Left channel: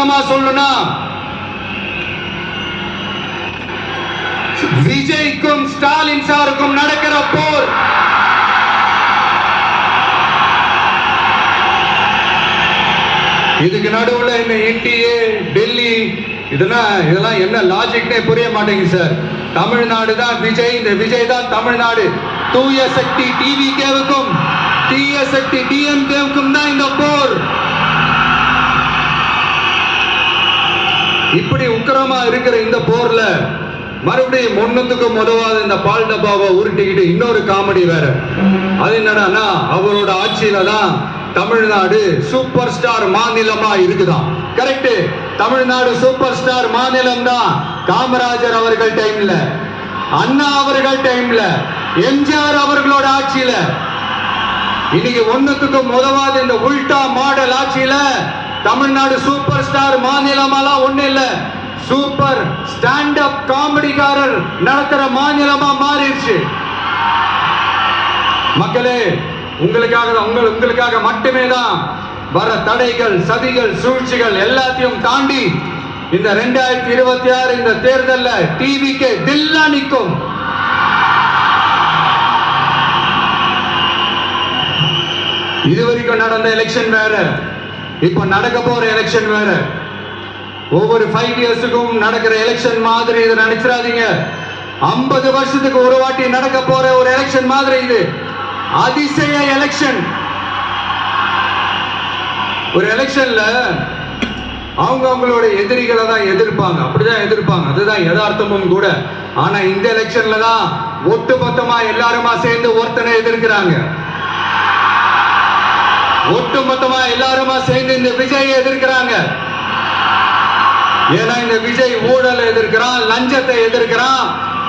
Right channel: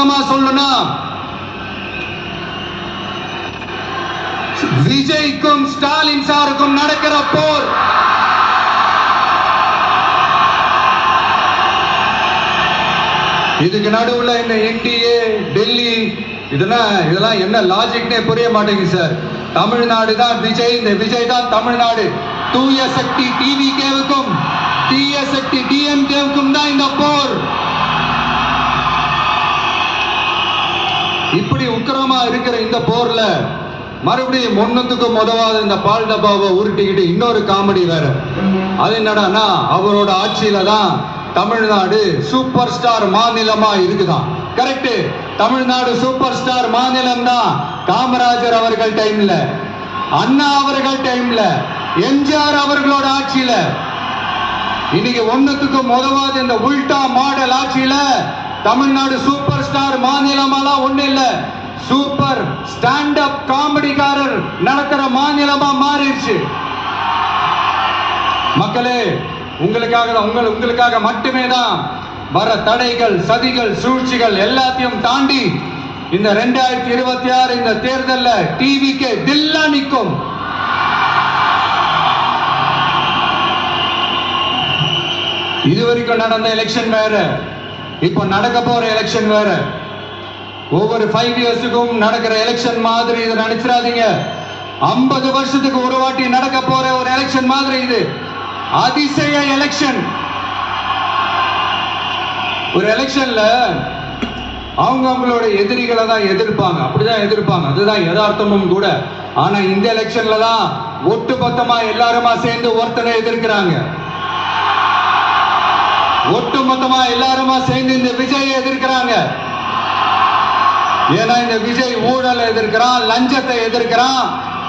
விவரமா சொல்லணும்னா விஜய்க்கும் ஸ்டாலின் சாருக்கும் நடக்கிற போர் இதுக்கு நடுவுல இந்த என்டிஏ டெல்லி இதெல்லாம் என்ன லாஜிக்னே புரிய மாட்டேங்குது சார். தமிழ்நாடு தான் விஜய், இந்த விஜய் தான் தமிழ்நாடு. தூய சக்தி டிவிகேவுக்கும் தீய சக்தி டிஎம்கேவுக்கும் தான் இந்த போர். இப்படி உக்கிரமா இருக்கிற இந்த போர்ல மறுபடியும் ஒண்ணுத்துக்கும் உதவாத இந்த பால் டப்பாவை உருட்டிக்கிட்டு இன்னொரு காமெடி வேற. அது என்னடான்னா, அவரோட ஆட்சியில தான் தமிழ்நாடு சூப்பர் ஸ்டார் மாநிலமா இருக்குதான். கரெக்ட், தமிழ்நாடு சூப்பர் ஸ்டார் மாநிலம் தான். காமராஜர் அவர்கள் டைம்ல, அண்ணா அவர்கள் டைம்ல, எம்ஜிஆர் அவர்களோட ஆட்சியில. இன்னைக்கு ஒண்ணுத்துக்கும் உதவாத இந்த உல்டா மாடல் ஆட்சியில தமிழ்நாடு சூப்பர் ஸ்டார் மாநிலமாலாம் ஒண்ணு இல்ல, சூப்பர் ஸ்டாண்ட் அப் காமெடிக்காரர் நடத்துற மாநிலமா மாறிடுச்சு. மக்களே, உங்களுக்காக மட்டுமே தான் வர தடைகள், சதிகள், சூழ்ச்சிகள் எல்லாத்தையும் தாண்டி இந்த 2026 இந்த தேர்தலில் டிவிக்கு தில்லா நிற்கும். இதுவரைக்கும் நடந்த எலெக்ஷன் வேற, இப்ப நடக்க போற எலெக்ஷன் வேற. ஒவ்வொரு 5 இயர்ஸுக்கும் நடக்கிற எலெக்ஷன் மாதிரி இதை நினைச்சிடாதீங்க. 50 வருஷத்துக்கு ஒரு வாட்டி நடக்க போற ஒரு எலெக்ஷன் மாதிரி இது. அதிசய எலெக்ஷன். ஒரு எலெக்ஷன்ல அவங்களோட எதிரிகளை தான் எதிர்ப்பாங்க, அப்படிதான் எதிர்ப்பாங்க, அதுதான் யதார்த்தமும் கூட. ஆனா இந்த எலெக்ஷன்ல தான் ஒட்டுமொத்தமா எல்லாருமா சேர்ந்து ஒருத்தனை எதிர்க்கிறாங்க. ஒட்டுமொத்தமா எல்லாருமா சேர்ந்து இந்த விஜய் எதிர்க்கிறாங்க. ஏன்னா இந்த விஜய் ஊழலை எதிர்க்கிறான், லஞ்சத்தை எதிர்க்கிறான்,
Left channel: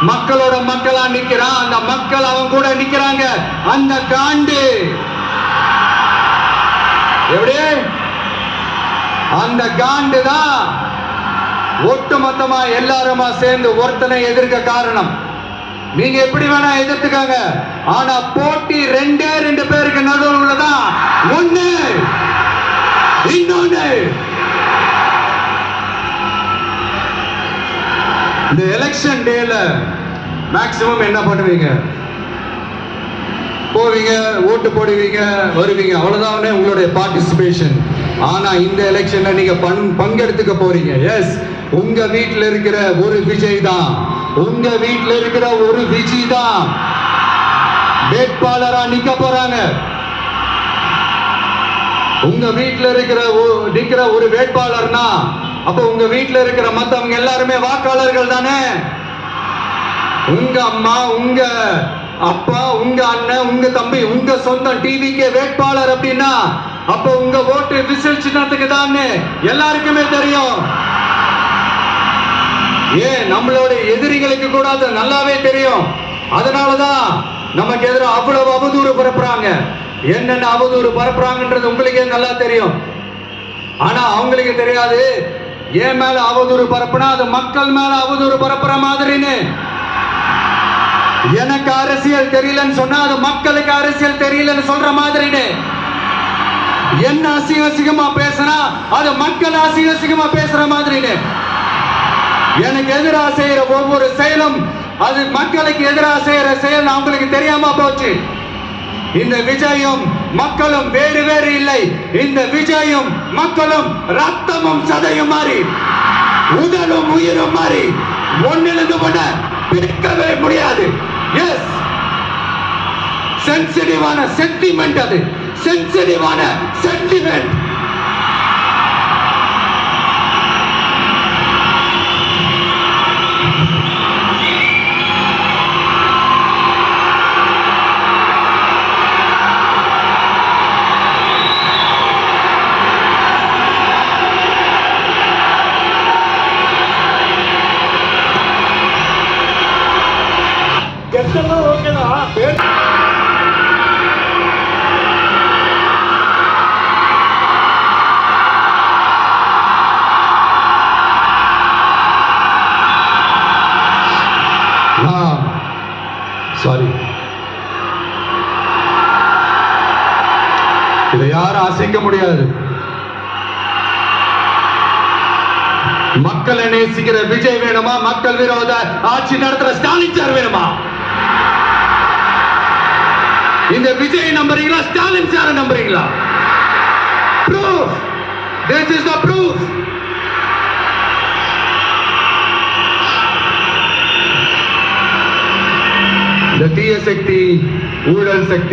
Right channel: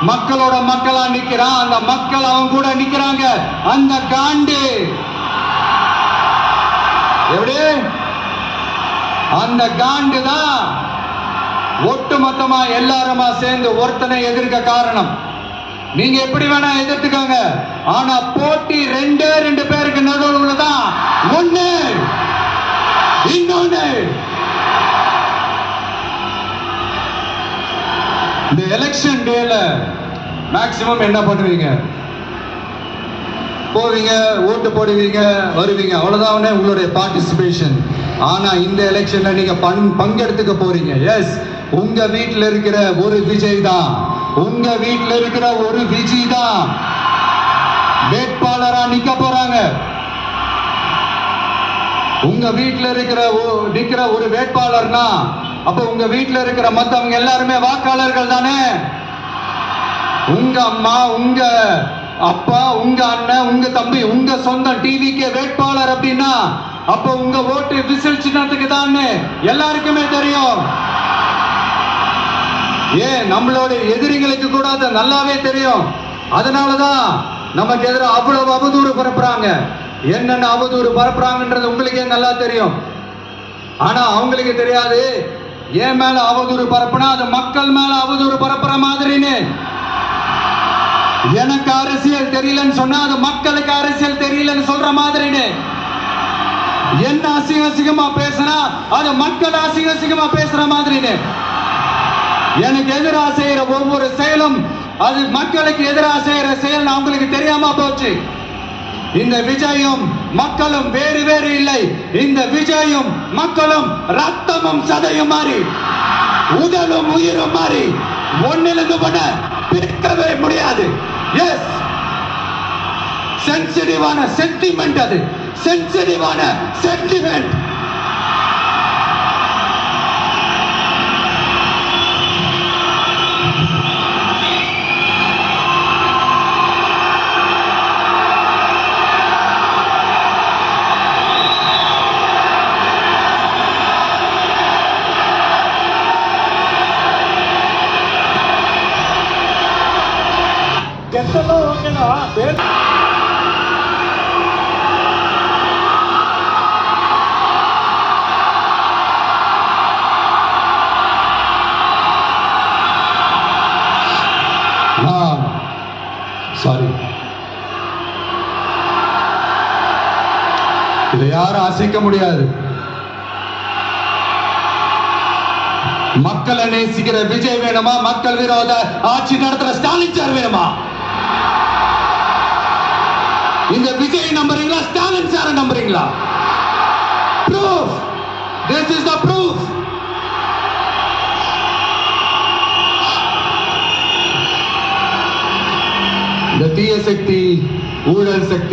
மக்களோட மக்களா நிக்கிறான். அந்த மக்கள் அவன் கூட நிக்கிறாங்க. அந்த காண்டு எப்படி அந்த காண்டு தான் ஒட்டுமொத்தமா எல்லாருமா சேர்ந்து ஒருத்தனை எதிர்க்க காரணம். நீங்க எப்படி வேணா எதிர்த்துக்காங்க, ஆனா போட்டி 2 பேருக்கு நடுவுல தான். ஒண்ணு இன்னொன்னு. இந்த எலெக்ஷன் டேல மேக்சிமம் என்ன பண்ணுவீங்க? போவீங்க, ஓட்டு போடுவீங்க, வருவீங்க, அவ்வளவுதான் உங்களுடைய பார்ட்டிசிபேஷன். ஆனா இந்த எலெக்ஷன்ல நீங்க பங்கெடுத்துக்க போறீங்க. எஸ், உங்க வீட்டில் இருக்கிற ஒரு விஜய் தான், உங்க வீட்டில் இருக்கிற ஒரு விஜய் தான் வேட்பாளரா நிக்க போறாங்க. உங்க வீட்டில் நிக்கிற ஒரு வேட்பாளர்னா அப்ப உங்க வீட்டில் இருக்கிற மத்தவங்க எல்லாருமே வாக்காளர்கள் தானே. உங்க அம்மா, உங்க அப்பா, உங்க அண்ணன், உங்க தம்பி, உங்க சொந்தம் டிவிக்கு வேட்பாளர் அப்படின்னா அப்ப உங்க ஓட்டு விசில் சின்னத்துக்கு தான் எல்லாருக்குமே தெரியும். ஏன் நம்மளோட எதிரிகளுக்கு கூட அது நல்லாவே தெரியும். அதனாலதான் நமக்கு எதிராக அவ்வளவு அவதூறு பரப்புறாங்க. என்னென்ன அவதூறு பரப்புறாங்கன்றது உங்களுக்கே நல்லா தெரியும். ஆனா அவங்களுக்கு தெரியாது, ஏன் மேல அவதூறு பரப்புனா அது மக்கள் மேல அவதூறு பரப்புற மாதிரின்னு. எனக்கு அரசியல் தெரியலன்னு சொன்னா அது மக்களுக்கு அரசியல் தெரியலன்னு சொல்ற மாதிரின்னு. என்ன அசிங்கமா பேசினா அது மக்கள் அசிங்கமா பேசுற மாதிரின்னு. எனக்கு எதிராக செய்யற ஒவ்வொரு செயலும் அது மக்களுக்கு எதிராக செய்யற செயல் அவங்களுக்கு தெரியாம போச்சு. இந்த விஜயும் மக்களும் வேறு வேறு இல்லை. இந்த விஜயும் மக்களும் ரத்தமும் சதையும் மாறி, உடலும் உயிரும் மாறி ஒன்னிலிருந்து ஒண்ண பிரிக்கவே முடியாது. எஸ், சென்சிட்டிவான சென்டிமெண்ட், அது சென்சிட்டிவான சென்டிமெண்ட். கெட்டெல்லாம் ஓகேதான். சாரி, இதை யாரும் அசைக்க முடியாது. மக்களை நேசிக்கிற விஜய் வேணுமா, மக்கள் விரோத ஆட்சி நடத்துற ஸ்டாலின் சார் வேணுமா? இந்த விஜய் நம்புறீங்களா, ஸ்டாலின் சார் நம்புறீங்களா? Proof. This is the proof. இந்த தீய சக்தி, ஊழல் சக்தி